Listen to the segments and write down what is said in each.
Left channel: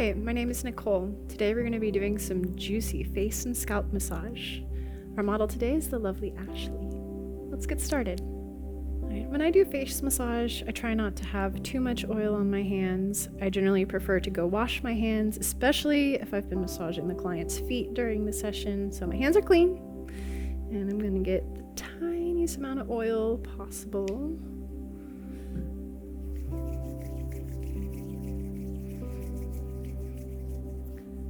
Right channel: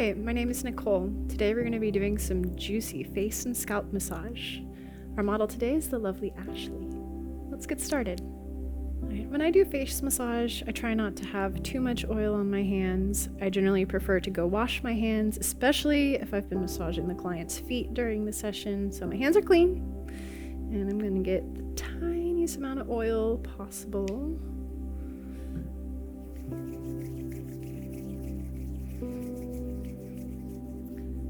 Hi, my name is Nicole. Today we're going to be doing some juicy face and scalp massage. Our model today is the lovely Ashley. Let's get started. When I do face massage, I try not to have too much oil on my hands. I generally prefer to go wash my hands, especially if I've been massaging the client's feet during the session, so my hands are clean. And I'm going to get the tiniest amount of oil possible.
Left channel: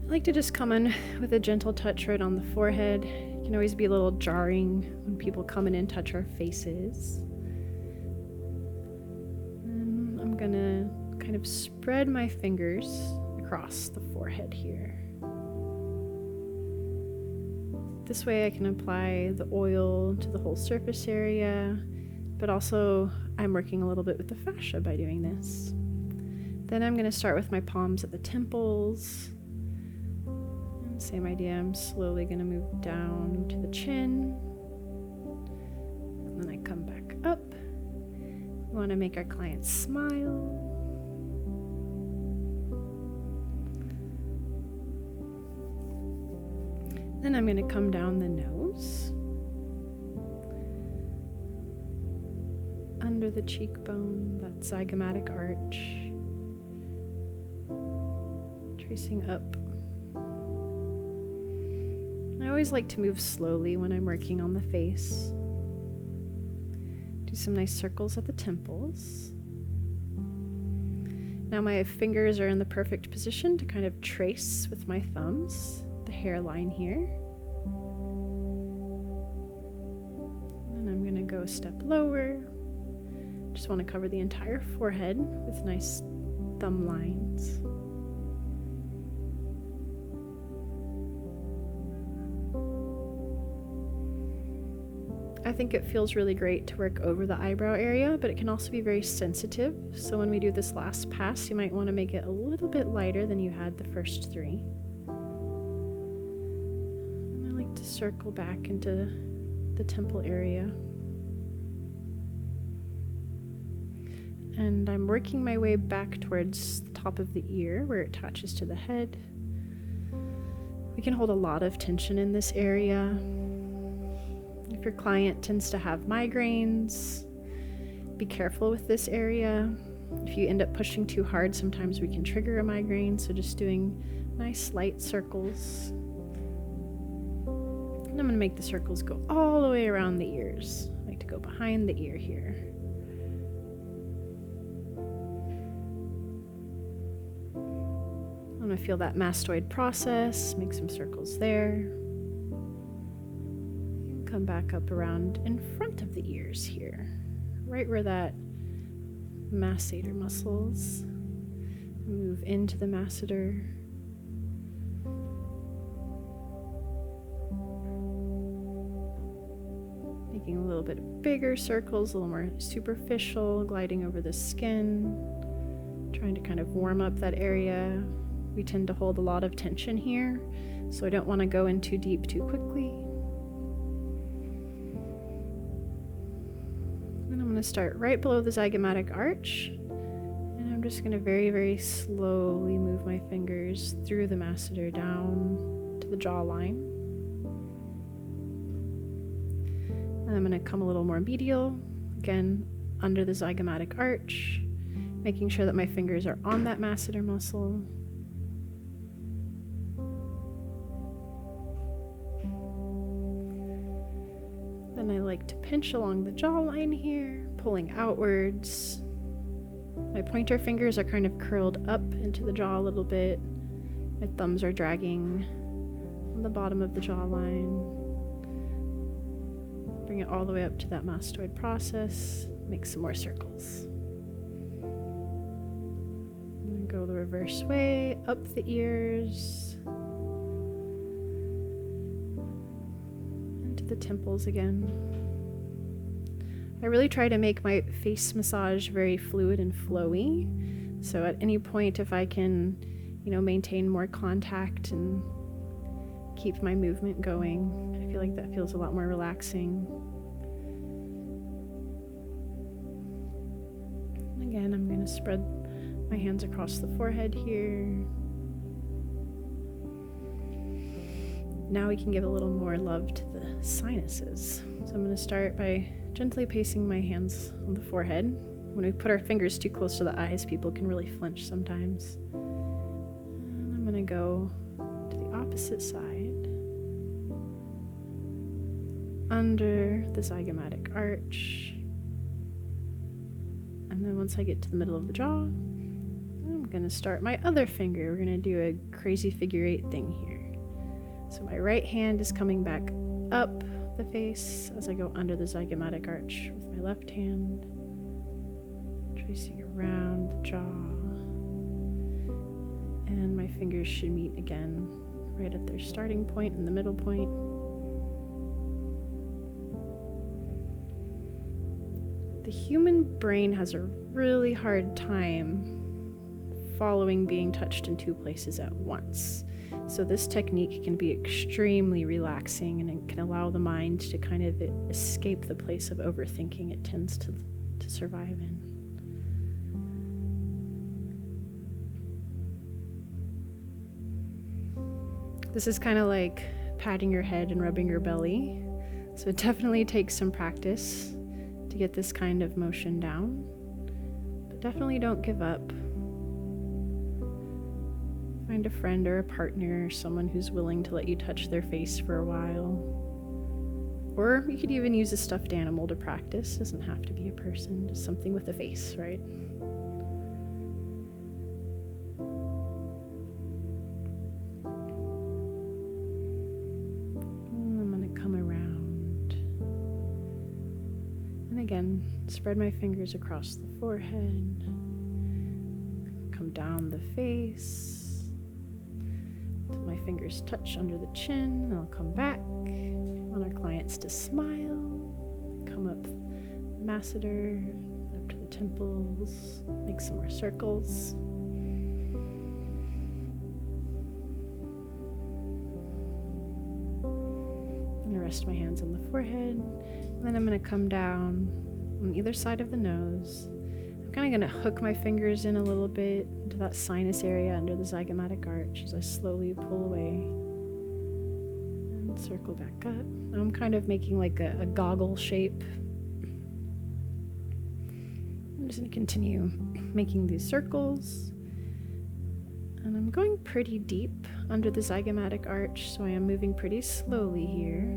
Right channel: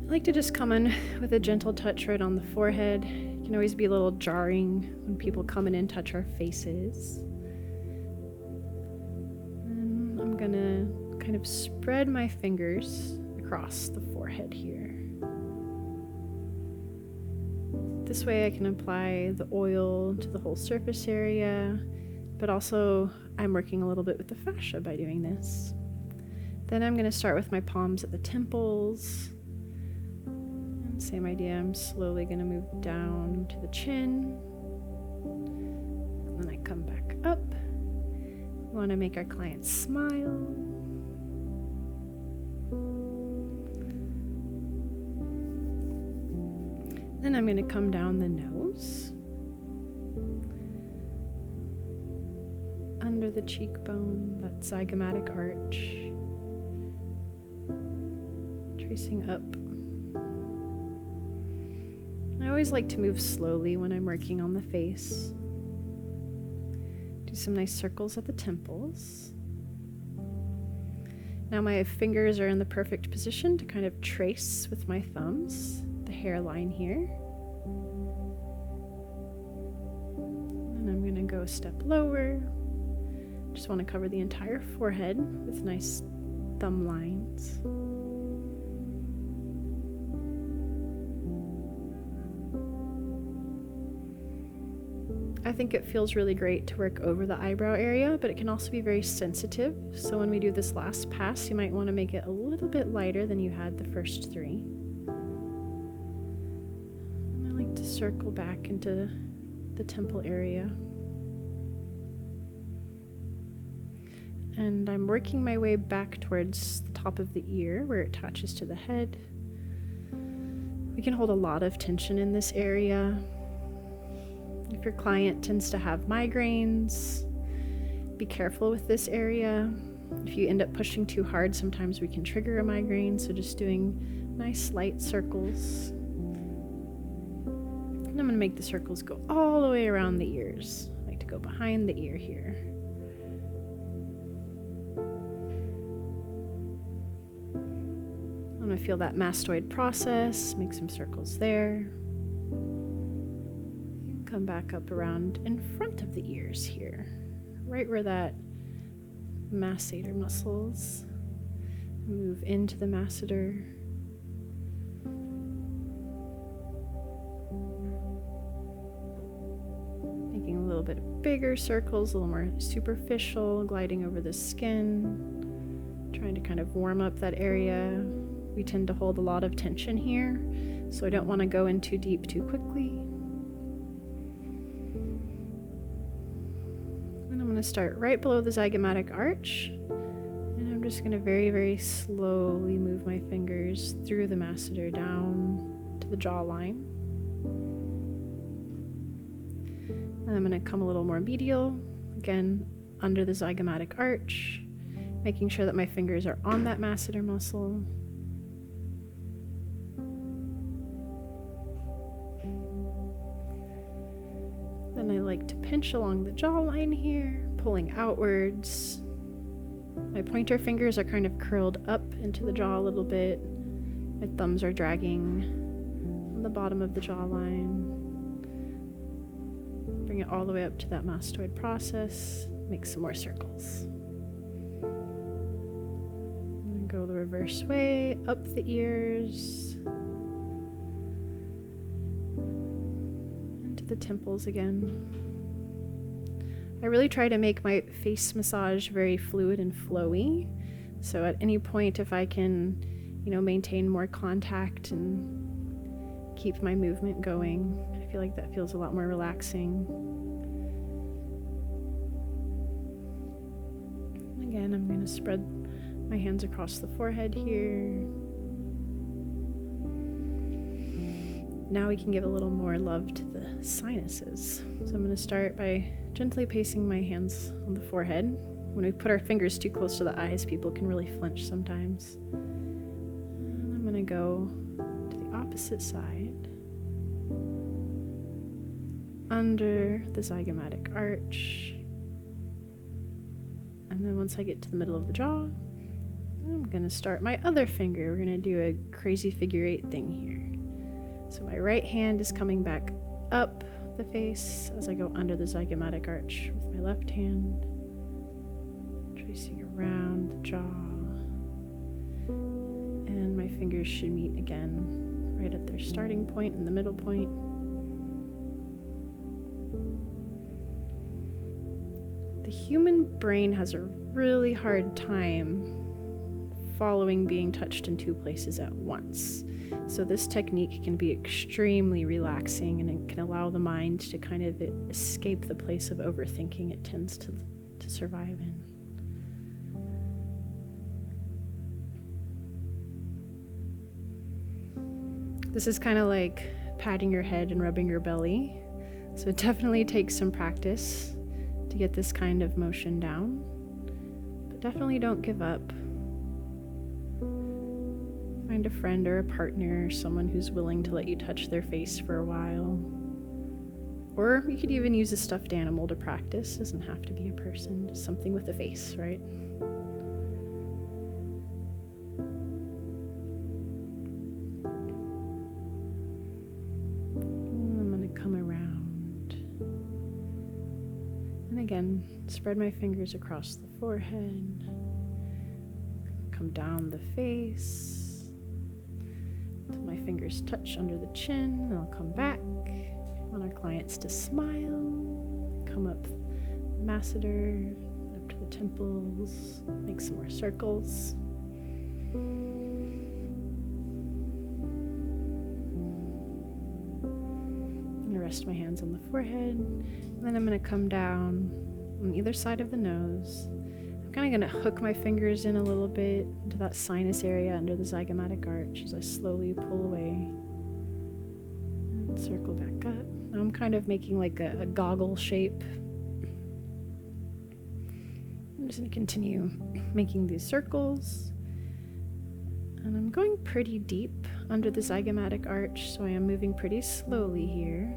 I like to just come in with a gentle touch right on the forehead. It can always be a little jarring when people come in and touch our faces. And I'm gonna kind of spread my fingers across the forehead here. This way I can apply the oil to the whole surface area, but also I'm working a little bit with the fascia by doing this. Then I'm gonna start with my palms at the temples. Same idea, I'm slowly going to move down to the chin, and then I come back up. We want to make our client smile. Then I'm going to come down the nose, under the cheekbone, that zygomatic arch, tracing up. I always like to move slowly when I'm working on the face. Do some nice circles at the temples. Now my fingers are in the perfect position to kind of trace with my thumbs the hairline here. And I'm going to go a step lower. Just want to cover the entire forehead with nice thumb lines. I think it feels really great to work over the eyebrow area, but it can also be very sensitive. So when we do this last pass, you might want to make it a little bit lighter than you had the first three. And I like to circle back into the temple area. And I'm working my way back towards the top of the ear where it attaches to the head. We can hold a lot of tension in this area. If your client tends to have migraines, be careful with this area. If you end up pushing too hard, sometimes we can trigger a migraine, so just doing nice light circles. And I'm going to make the circles go all the way around the ears. I like to go behind the ear here. I'm going to feel that mastoid process, make some circles there. Come back up around in front of the ears here, right where that masseter muscles. Move into the masseter. Making a little bit bigger circles, a little more superficial, gliding over the skin, trying to kind of warm up that area. We tend to hold a lot of tension here, so I don't want to go in too deep too quickly. And I'm going to start right below the zygomatic arch, and I'm just going to very, very slowly move my fingers through the masseter down to the jawline. And I'm going to come a little more medial, again under the zygomatic arch, making sure that my fingers are on that masseter muscle. Then I like to pinch along the jawline here, pulling outwards. My pointer fingers are kind of curled up into the jaw a little bit. My thumbs are dragging on the bottom of the jawline. Bring it all the way up to that mastoid process. Make some more circles. I'm going to go the reverse way, up the ears. The temples again. I really try to make my face massage very fluid and flowy. So at any point, if I can, maintain more contact and keep my movement going, I feel like that feels a lot more relaxing. And again, I'm going to spread my hands across the forehead here. Now we can give a little more love to the sinuses. So I'm going to start by gently placing my hands on the forehead. When we put our fingers too close to the eyes, people can really flinch sometimes. And I'm going to go to the opposite side, under the zygomatic arch. And then once I get to the middle of the jaw, I'm going to start my other finger. We're going to do a crazy figure 8 thing here. So my right hand is coming back up the face as I go under the zygomatic arch with my left hand, tracing around the jaw. And my fingers should meet again right at their starting point and the middle point. The human brain has a really hard time following being touched in 2 places at once. So this technique can be extremely relaxing, and it can allow the mind to kind of escape the place of overthinking it tends to survive in. This is kind of like patting your head and rubbing your belly. So it definitely takes some practice to get this kind of motion down, but definitely don't give up. Find a friend or a partner, someone who's willing to let you touch their face for a while. Or you could even use a stuffed animal to practice. Doesn't have to be a person, just something with a face, right? And I'm going to come around. And again, spread my fingers across the forehead. Come down the face. Till my fingers touch under the chin, and I'll come back. I want our clients to smile. Come up Masseter, up to the temples, make some more circles. I'm going to rest my hands on the forehead, and then I'm going to come down on either side of the nose. I'm kind of going to hook my fingers in a little bit into that sinus area under the zygomatic arch as I slowly pull away and circle back up. Now I'm kind of making like a goggle shape. I'm just going to continue making these circles. And I'm going pretty deep under the zygomatic arch, so I am moving pretty slowly here.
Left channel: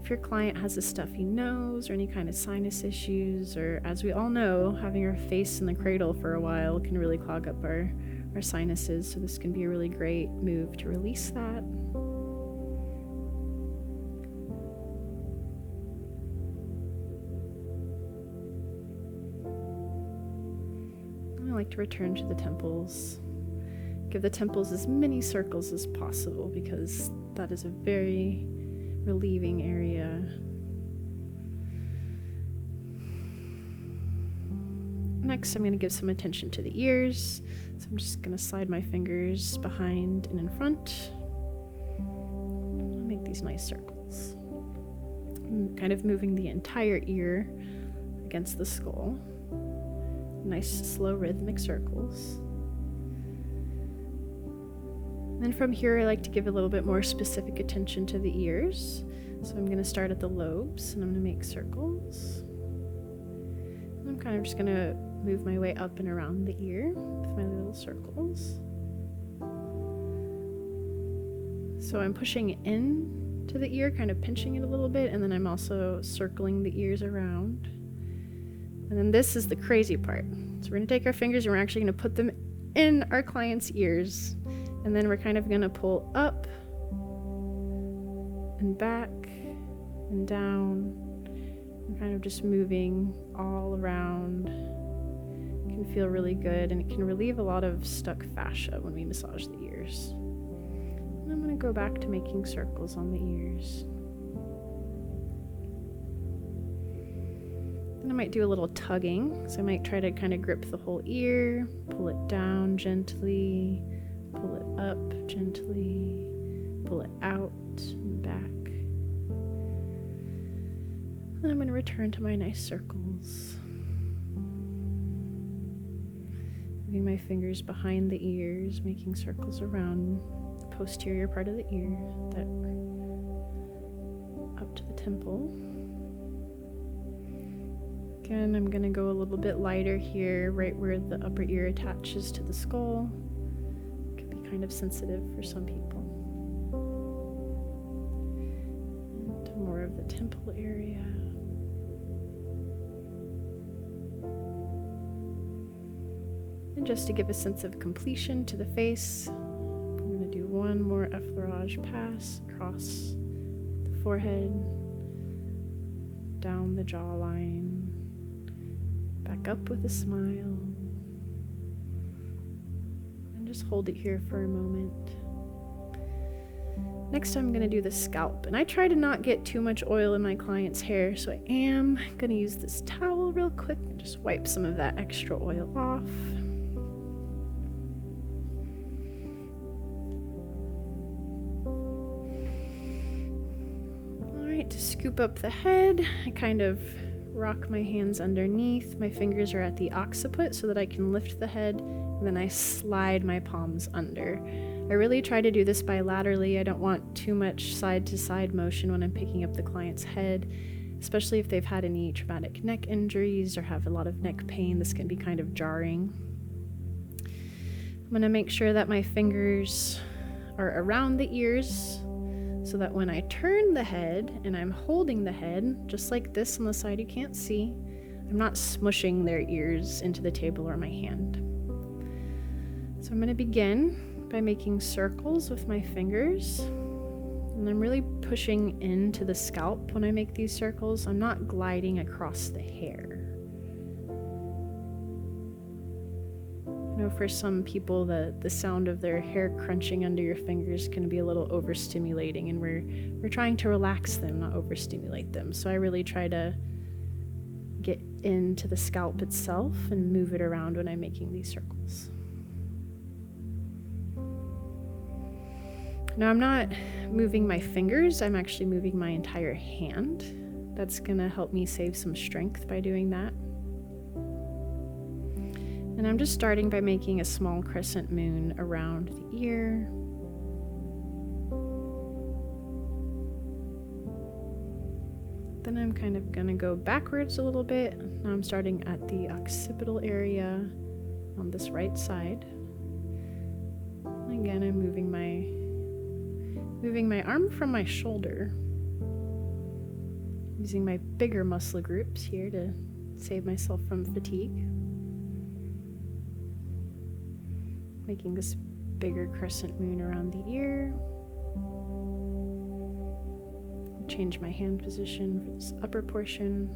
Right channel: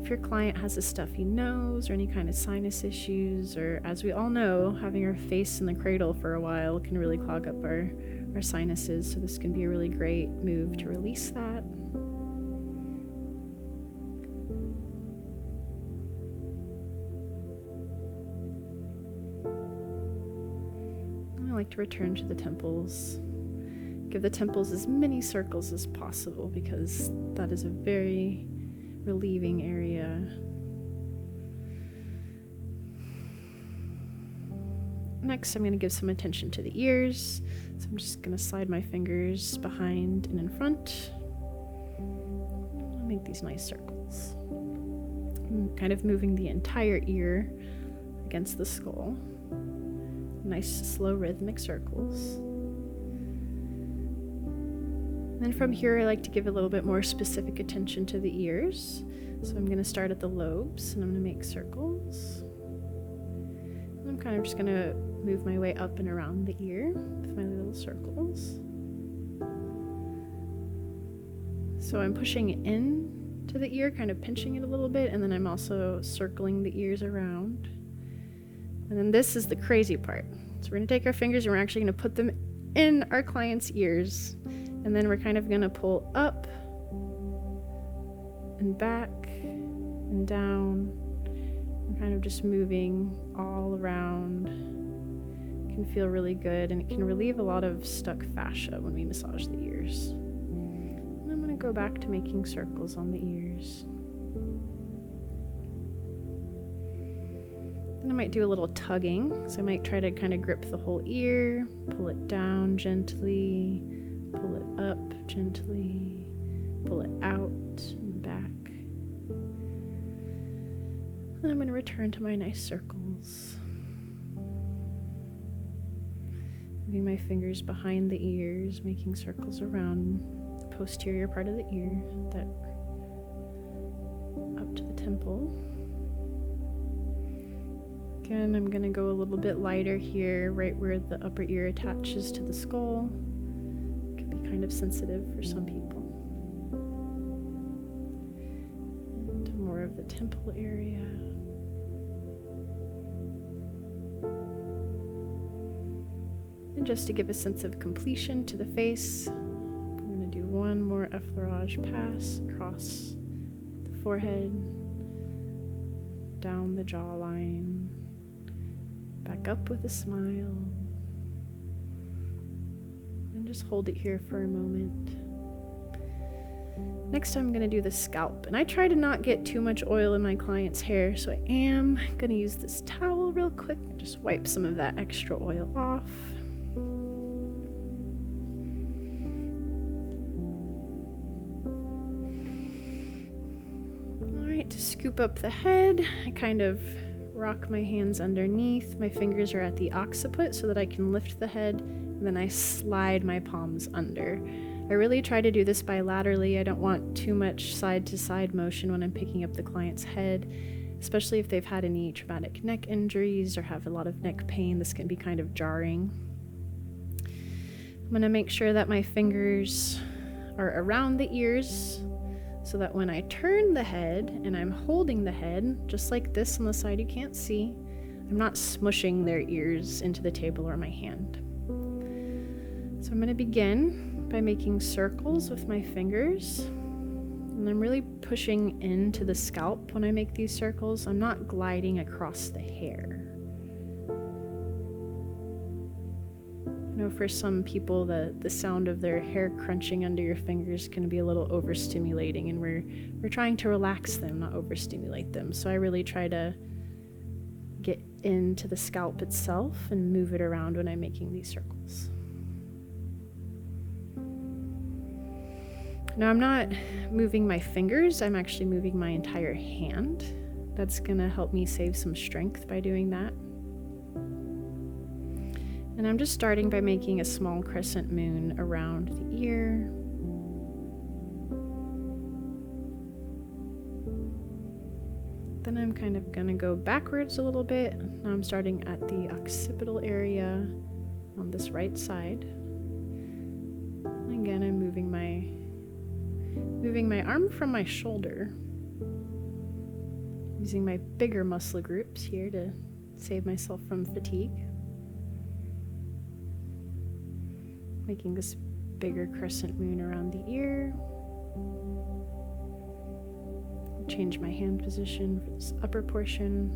If your client has a stuffy nose or any kind of sinus issues, or as we all know, having our face in the cradle for a while can really clog up our sinuses, so this can be a really great move to release that. I like to return to the temples. Give the temples as many circles as possible because that is a very relieving area. Next, I'm going to give some attention to the ears. So I'm just going to slide my fingers behind and in front. I'll make these nice circles. I'm kind of moving the entire ear against the skull. Nice, slow, rhythmic circles. Then from here, I like to give a little bit more specific attention to the ears. So I'm going to start at the lobes, and I'm going to make circles. And I'm kind of just going to move my way up and around the ear with my little circles. So I'm pushing in to the ear, kind of pinching it a little bit, and then I'm also circling the ears around. And then this is the crazy part. So we're going to take our fingers and we're actually going to put them in our client's ears. And then we're kind of going to pull up and back and down. And kind of just moving all around. It can feel really good, and it can relieve a lot of stuck fascia when we massage the ears. And I'm going to go back to making circles on the ears. Then I might do a little tugging. So I might try to kind of grip the whole ear, pull it down gently, pull it up gently, pull it out and back. And I'm going to return to my nice circles. Moving my fingers behind the ears, making circles around the posterior part of the ear, that up to the temple. Again, I'm going to go a little bit lighter here, right where the upper ear attaches to the skull. It can be kind of sensitive for some people. And more of the temple area. And just to give a sense of completion to the face, I'm going to do one more effleurage pass across the forehead, down the jawline, back up with a smile, and just hold it here for a moment. Next, I'm going to do the scalp, and I try to not get too much oil in my client's hair, so I am going to use this towel real quick and just wipe some of that extra oil off. To scoop up the head, I kind of rock my hands underneath. My fingers are at the occiput so that I can lift the head, and then I slide my palms under. I really try to do this bilaterally. I don't want too much side-to-side motion when I'm picking up the client's head, especially if they've had any traumatic neck injuries or have a lot of neck pain. This can be kind of jarring. I'm going to make sure that my fingers are around the ears, so that when I turn the head and I'm holding the head, just like this on the side you can't see, I'm not smushing their ears into the table or my hand. So I'm going to begin by making circles with my fingers. And I'm really pushing into the scalp when I make these circles. I'm not gliding across the hair. I know for some people the sound of their hair crunching under your fingers can be a little overstimulating, and we're trying to relax them, not overstimulate them. So I really try to get into the scalp itself and move it around when I'm making these circles. Now I'm not moving my fingers, I'm actually moving my entire hand. That's gonna help me save some strength by doing that. And I'm just starting by making a small crescent moon around the ear. Then I'm kind of gonna go backwards a little bit. Now I'm starting at the occipital area on this right side. And again, I'm moving my arm from my shoulder, using my bigger muscle groups here to save myself from fatigue. Making this bigger crescent moon around the ear. Change my hand position for this upper portion.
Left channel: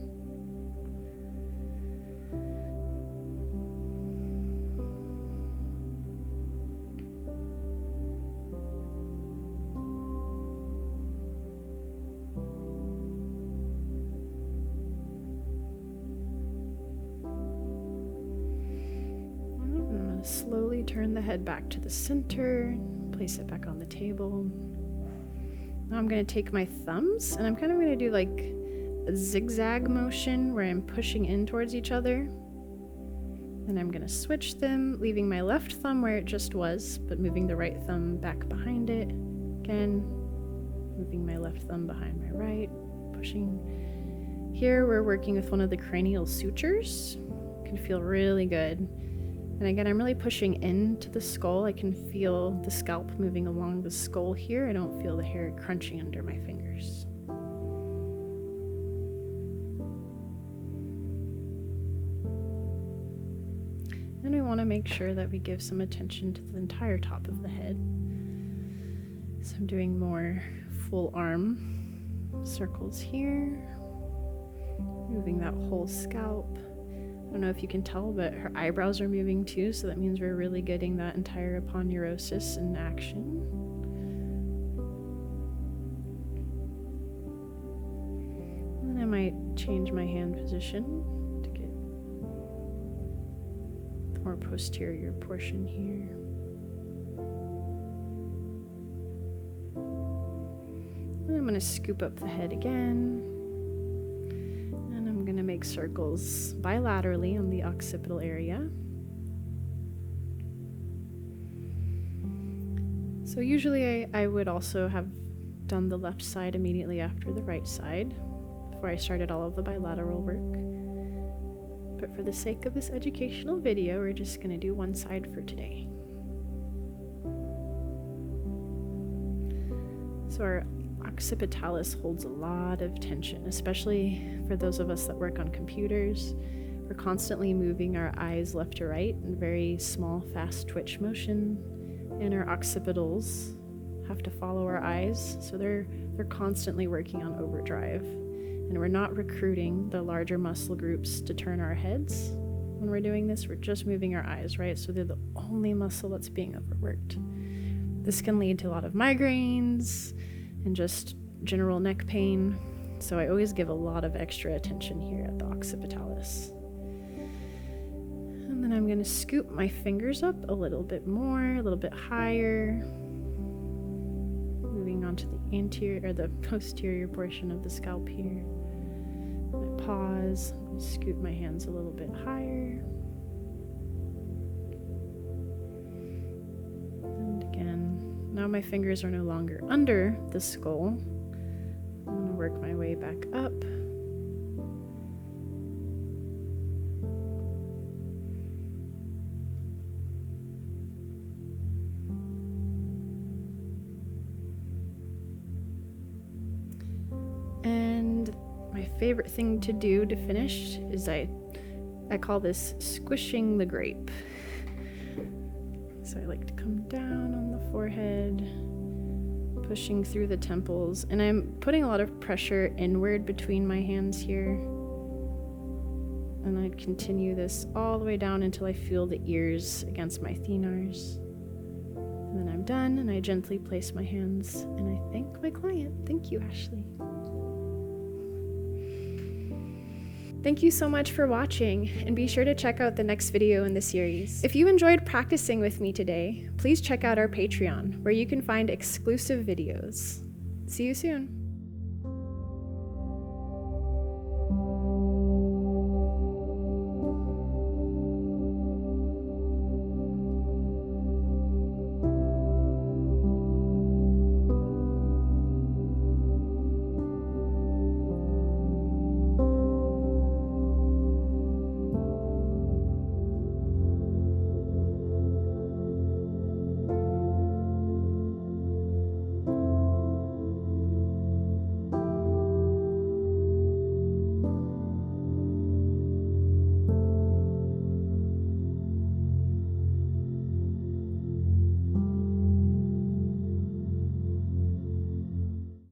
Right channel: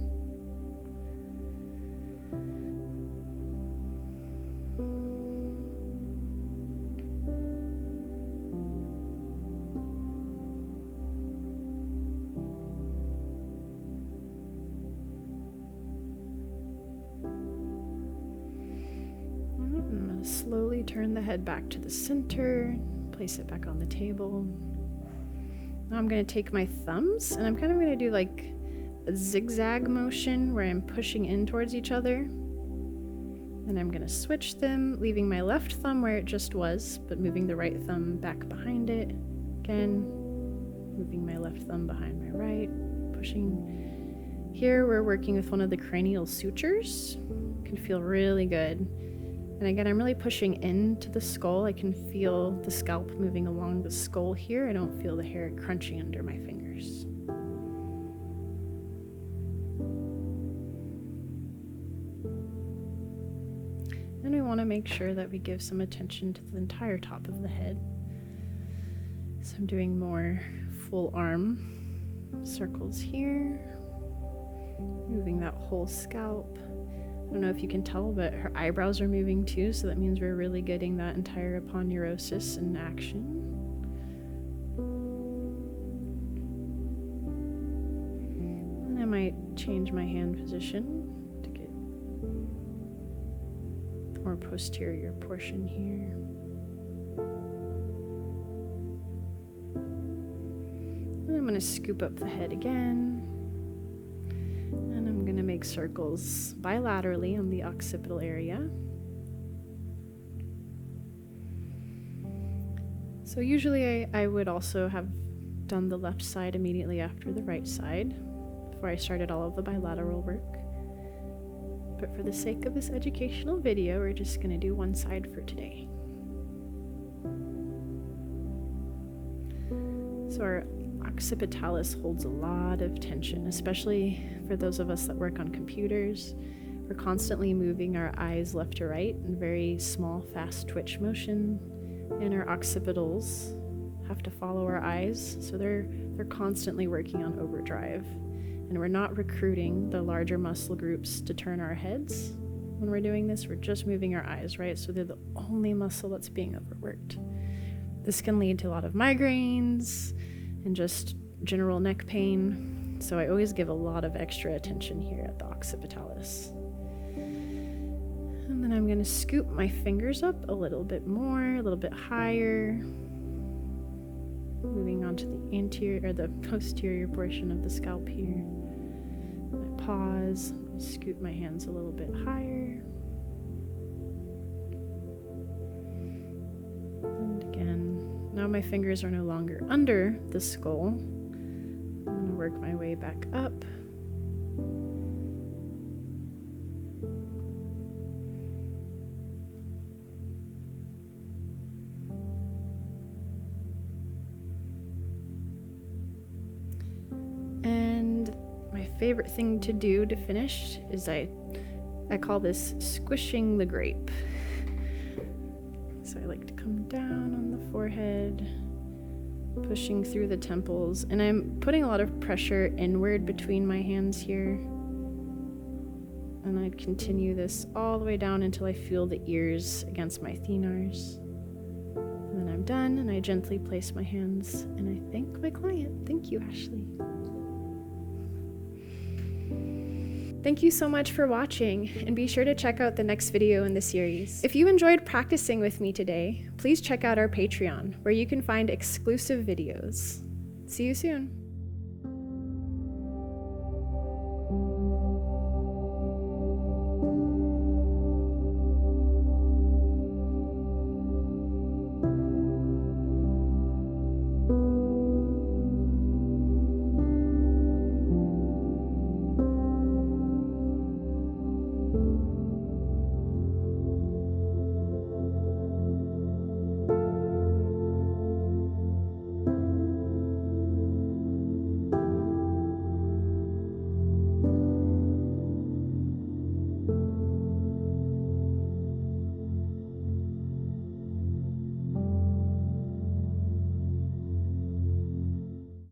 I'm going to slowly turn the head back to the center, place it back on the table. Now I'm going to take my thumbs and I'm kind of going to do like a zigzag motion where I'm pushing in towards each other. Then I'm going to switch them, leaving my left thumb where it just was, but moving the right thumb back behind it. Again, moving my left thumb behind my right, pushing. Here we're working with one of the cranial sutures. It can feel really good. And again, I'm really pushing into the skull. I can feel the scalp moving along the skull here. I don't feel the hair crunching under my fingers. And we want to make sure that we give some attention to the entire top of the head. So I'm doing more full arm circles here, moving that whole scalp. I don't know if you can tell, but her eyebrows are moving too, so that means we're really getting that entire aponeurosis in action. And I might change my hand position to get the more posterior portion here. And I'm going to scoop up the head again. And I'm going to make circles bilaterally on the occipital area. So usually I would also have done the left side immediately after the right side before I started all of the bilateral work. But for the sake of this educational video, we're just going to do one side for today. So our occipitalis holds a lot of tension, especially for those of us that work on computers. We're constantly moving our eyes left to right in very small, fast twitch motion, and our occipitals have to follow our eyes, so they're constantly working on overdrive. And we're not recruiting the larger muscle groups to turn our heads. When we're doing this, we're just moving our eyes, right? So they're the only muscle that's being overworked. This can lead to a lot of migraines and just general neck pain. So I always give a lot of extra attention here at the occipitalis. And then I'm going to scoop my fingers up a little bit more, a little bit higher. Moving on to the anterior or the posterior portion of the scalp here. I pause, scoop my hands a little bit higher. And again, now my fingers are no longer under the skull. I'm going to work my way back up. And my favorite thing to do to finish is I call this squishing the grape. So I like to come down on the forehead, pushing through the temples, and I'm putting a lot of pressure inward between my hands here. And I continue this all the way down until I feel the ears against my thenars. And then I'm done, and I gently place my hands, and I thank my client. Thank you, Ashley. Thank you so much for watching, and be sure to check out the next video in the series. If you enjoyed practicing with me today, please check out our Patreon, where you can find exclusive videos. See you soon.